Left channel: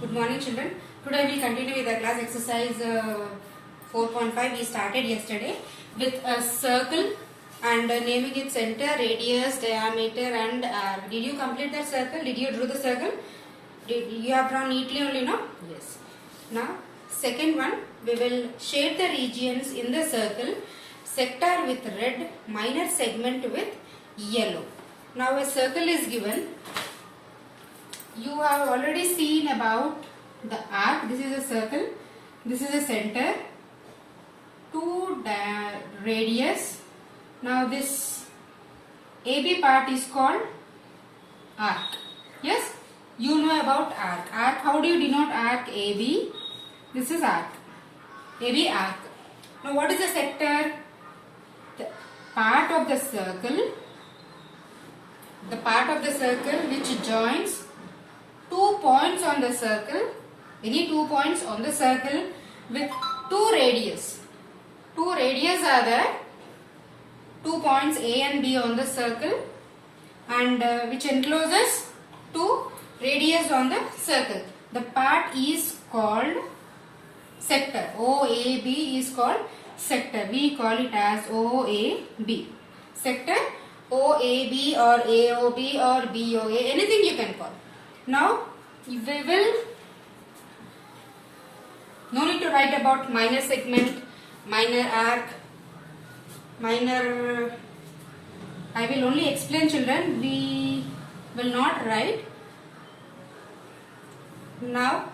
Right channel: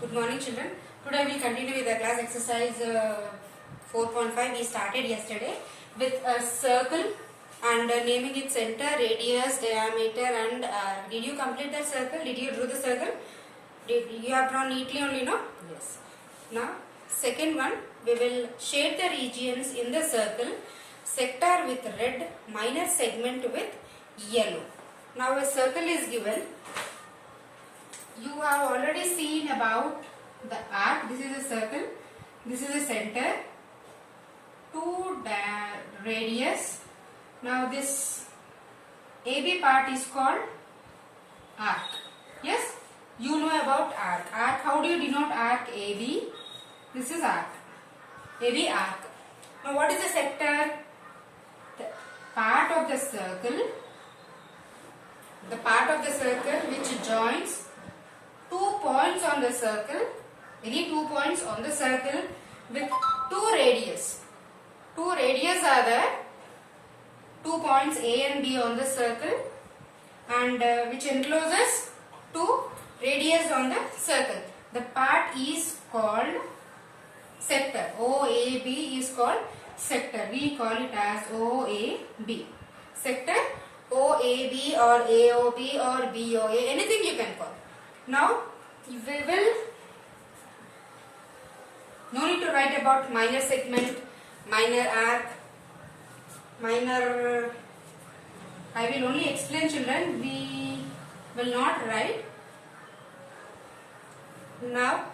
Good morning, children. Today we will continue with the class exercise 4.5. We started yesterday with a circle and naming its center, radius, diameter and arc. Did you complete that circle? Did you draw the circle? You have drawn neatly only, no? Yes. Now, second one, we will shade the regions in the circle, sector with red, minor segment with yellow. Now, a circle is given. You have already seen about the arc. This is a circle. This is a center. 2 radius. Now this AB part is called arc. Yes? You know about arc. Arc. How do you denote arc? AB. This is arc. AB arc. Now what is the sector? The part of the circle. The part of the circle which joins 2 points on the circle, any 2 points on the circle with 2 radius. 2 radius are there, 2 points A and B on the circle and which encloses 2 radius on the circle. The part is called sector. OAB is called sector. We call it as OAB. Sector, OAB or AOB or BOA, anything you can call. Now, we will no need to write about minor segment, minor arc, minor. I will only explain, children. We will not write. Now,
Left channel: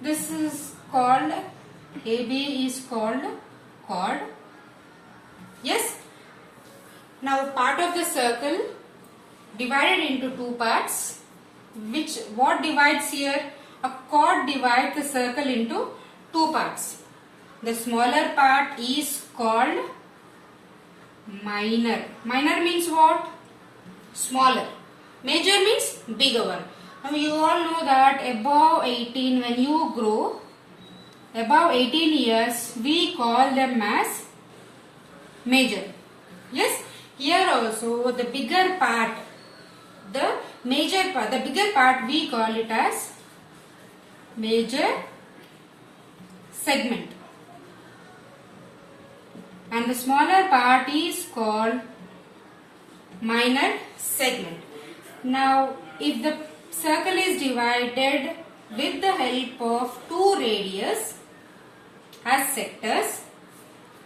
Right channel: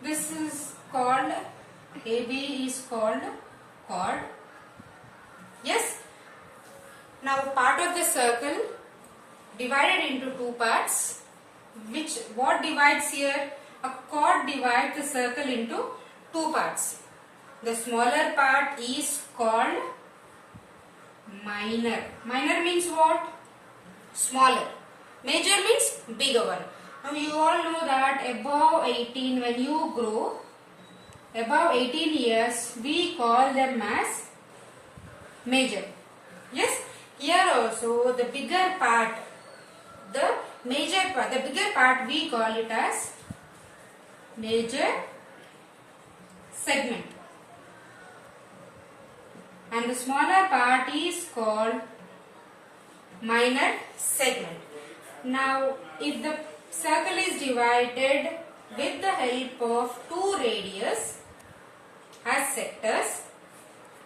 this is called AB is called chord. Yes. Now, part of the circle divided into 2 parts. What divides here? A chord divides the circle into 2 parts. The smaller part is called minor. Minor means what? Smaller. Major means bigger one. Now you all know that above 18, when you grow, above 18 years, we call them as major. Yes? Here also the bigger part, the major part, the bigger part we call it as major segment and the smaller part is called minor segment. Now if the circle is divided with the help of 2 radius as sectors,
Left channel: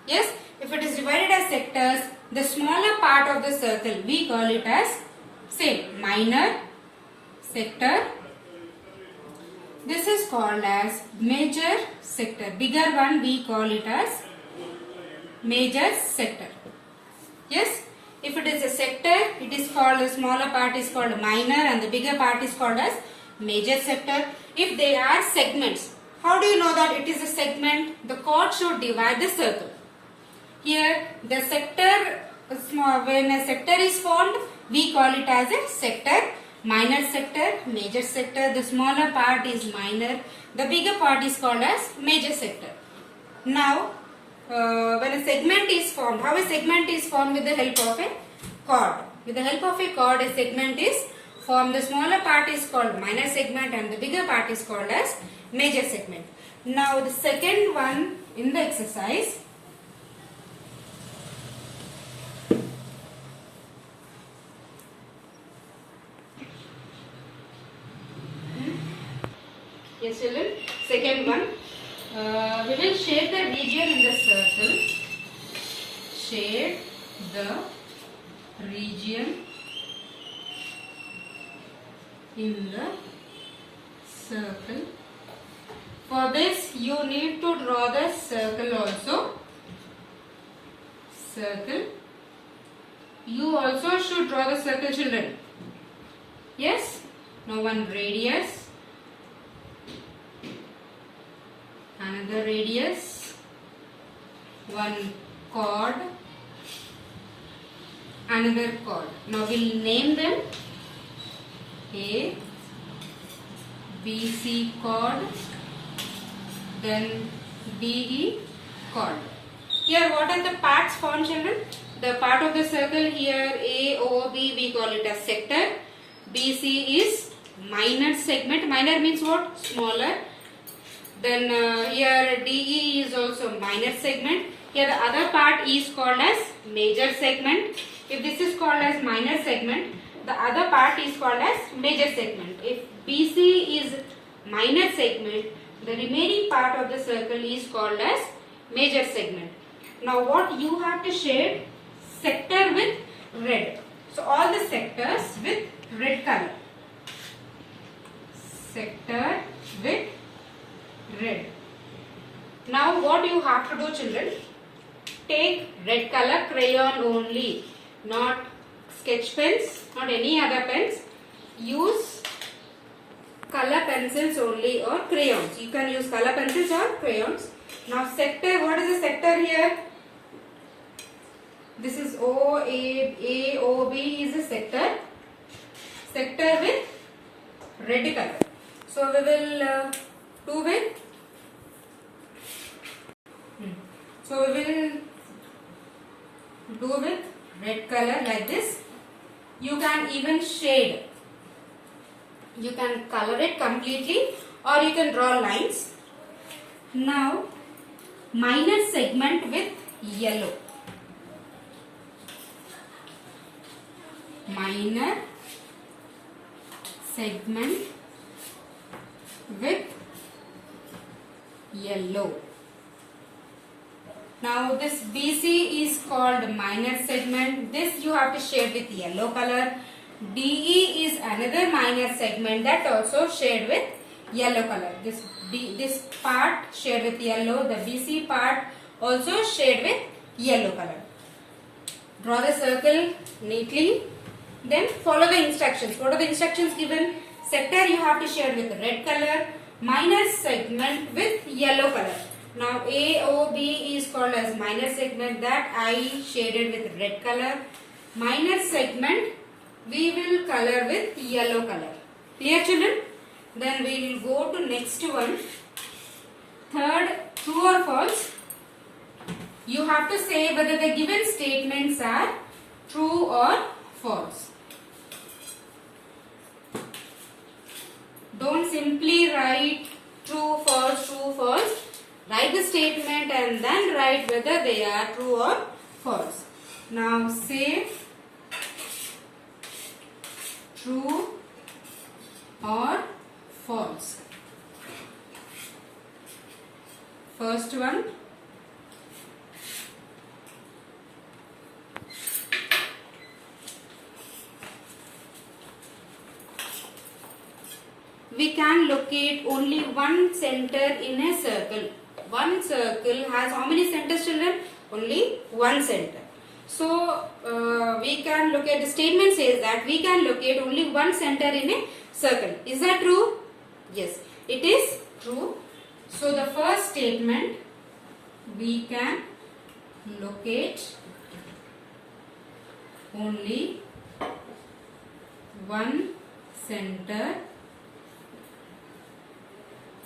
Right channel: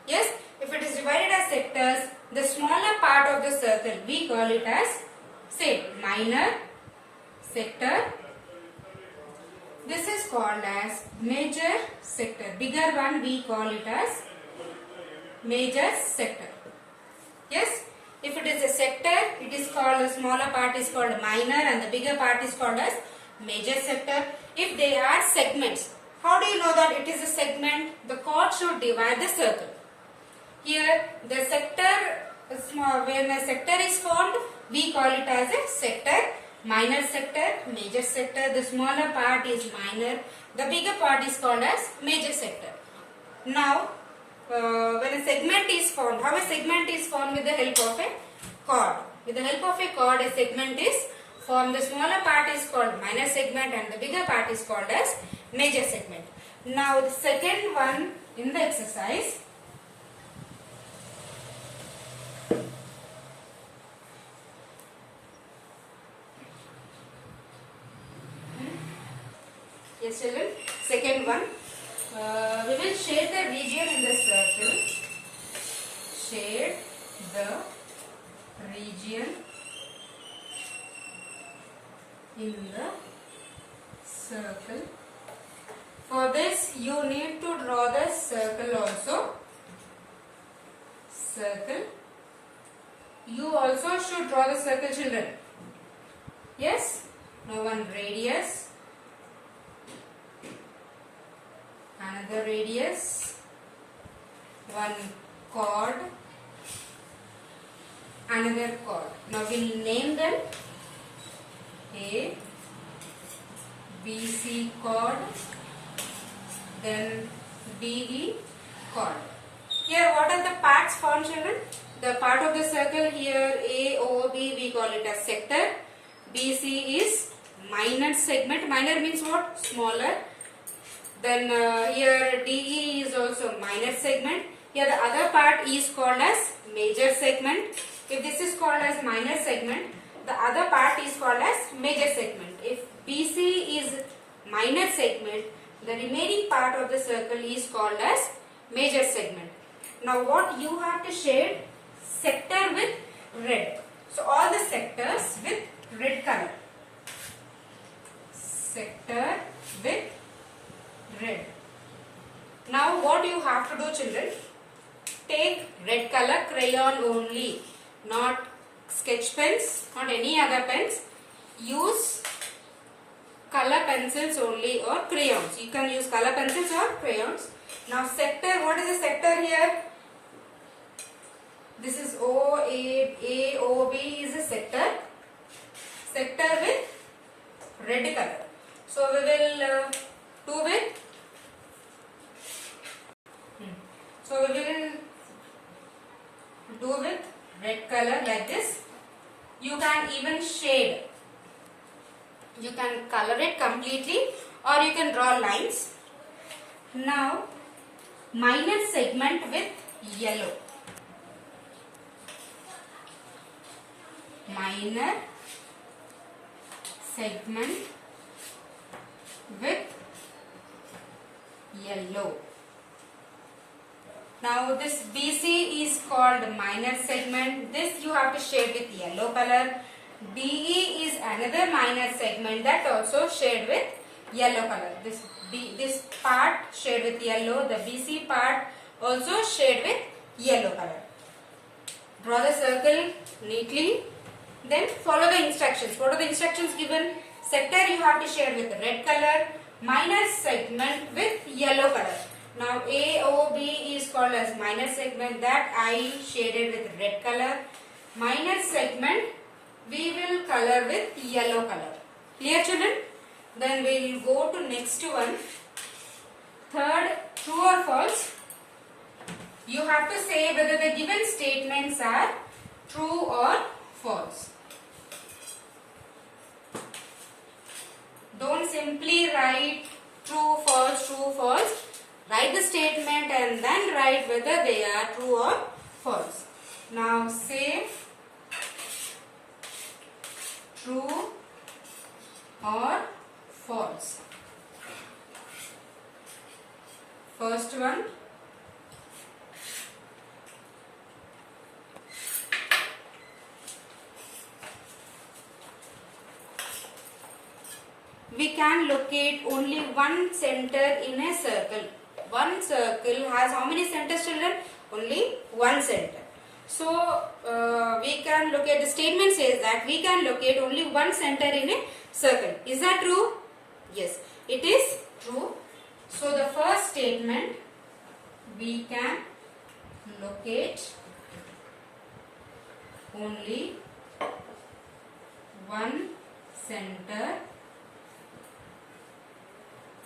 yes, if it is divided as sectors, the smaller part of the circle we call it as same minor sector. This is called as major sector. Bigger one we call it as major sector. Yes, if it is a sector, it is called, the smaller part is called minor and the bigger part is called as major sector. If they are segments, how do you know that it is a segment? The chord should divide the circle. Here the sector, when a sector is formed, we call it as a sector, minor sector, major sector. The smaller part is minor, the bigger part is called as major sector. Now, when a segment is formed, how a segment is formed? With the help of a chord. With the help of a chord, a segment is formed. The smaller part is called minor segment and the bigger part is called as major segment. Now, the second one in the exercise. Yes, children. Second one, we will shade the region in the circle. Shade the region in the circle. For this, you need to draw the circle also. Circle. You also should draw the circle, children. Yes. Now one radius. Another radius, one chord, another chord. Now we will name them A, B, C chord, then D, E chord. Here what are the parts formed, children? The part of the circle here A, O, B, we call it as sector. BC is minor segment. Minor means what? Smaller. Then here DE is also minor segment. Here the other part is called as major segment. If this is called as minor segment, the other part is called as major segment. If BC is minor segment, the remaining part of the circle is called as major segment. Now what you have to shade? Sector with red. So all the sectors with red color. Sector with red. Now what you have to do, children? Take red color crayon only, not sketch pens, not any other pens. Use color pencils only or crayons. You can use color pencils or crayons. Now sector, what is the sector here? This is AOB is a sector. Sector with red color. So we will do with. So we will do with red color like this. You can even shade. You can color it completely or you can draw lines. Now minor segment with yellow. Minor segment with yellow. Now this BC is called minor segment. This you have to shade with yellow color. DE is another minor segment that also shade with yellow color. This part shade with yellow. The BC part also shade with yellow color. Draw the circle neatly. Then follow the instructions. What are the instructions given? Sector you have to shade with red color. Minor segment with yellow color. Now AOB is called as minor segment, that I shaded with red color. Minor segment we will color with yellow color. Clear, children? Then we will go to next one. Third, true or false. You have to say whether the given statements are true or false. Don't simply write true, false, true, false. Write the statement and then write whether they are true or false. Now say true or false. First one. We can locate only one center in a circle. One circle has how many centers, children? Only one center. So we can locate, the statement says that we can locate only one center in a circle. Is that true? Yes, it is true. So the first statement, we can locate only one center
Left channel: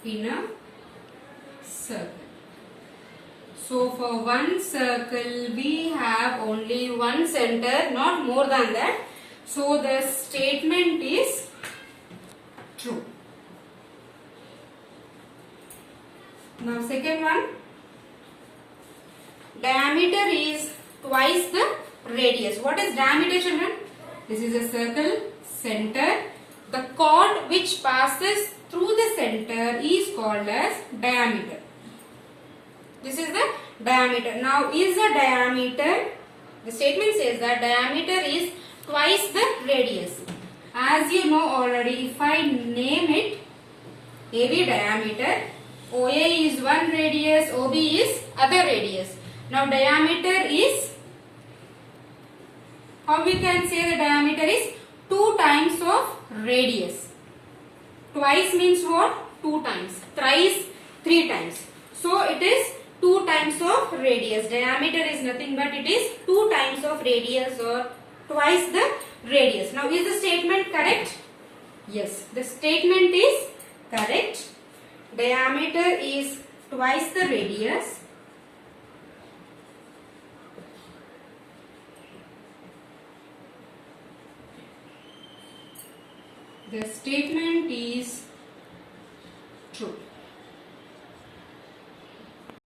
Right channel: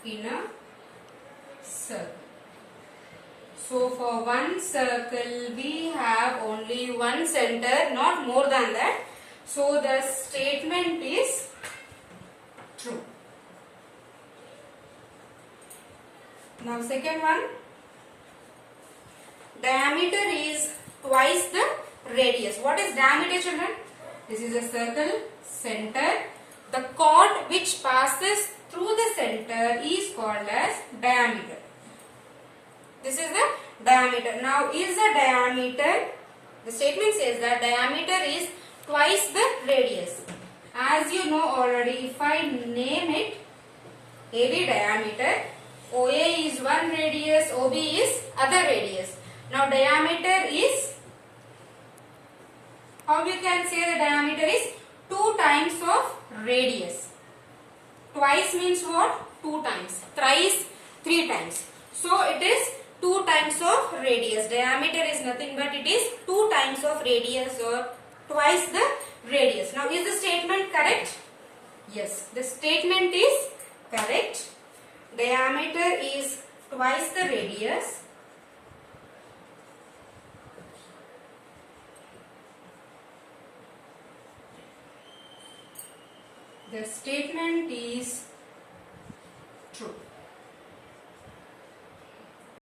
in a circle. So for one circle we have only one center, not more than that. So the statement is true. Now second one, diameter is twice the radius. What is diameter, children? This is a circle, center. The chord which passes through the center is called as diameter. This is the diameter. Now is the diameter, the statement says that diameter is twice the radius. As you know already, if I name it AB diameter, OA is one radius, OB is other radius. Now diameter is, how we can say the diameter is 2 times of radius. Twice means what? 2 times. Thrice, 3 times. So it is 2 times of radius. Diameter is nothing but it is 2 times of radius or twice the radius. Now is the statement correct? Yes, the statement is correct. Diameter is twice the radius. The statement is true.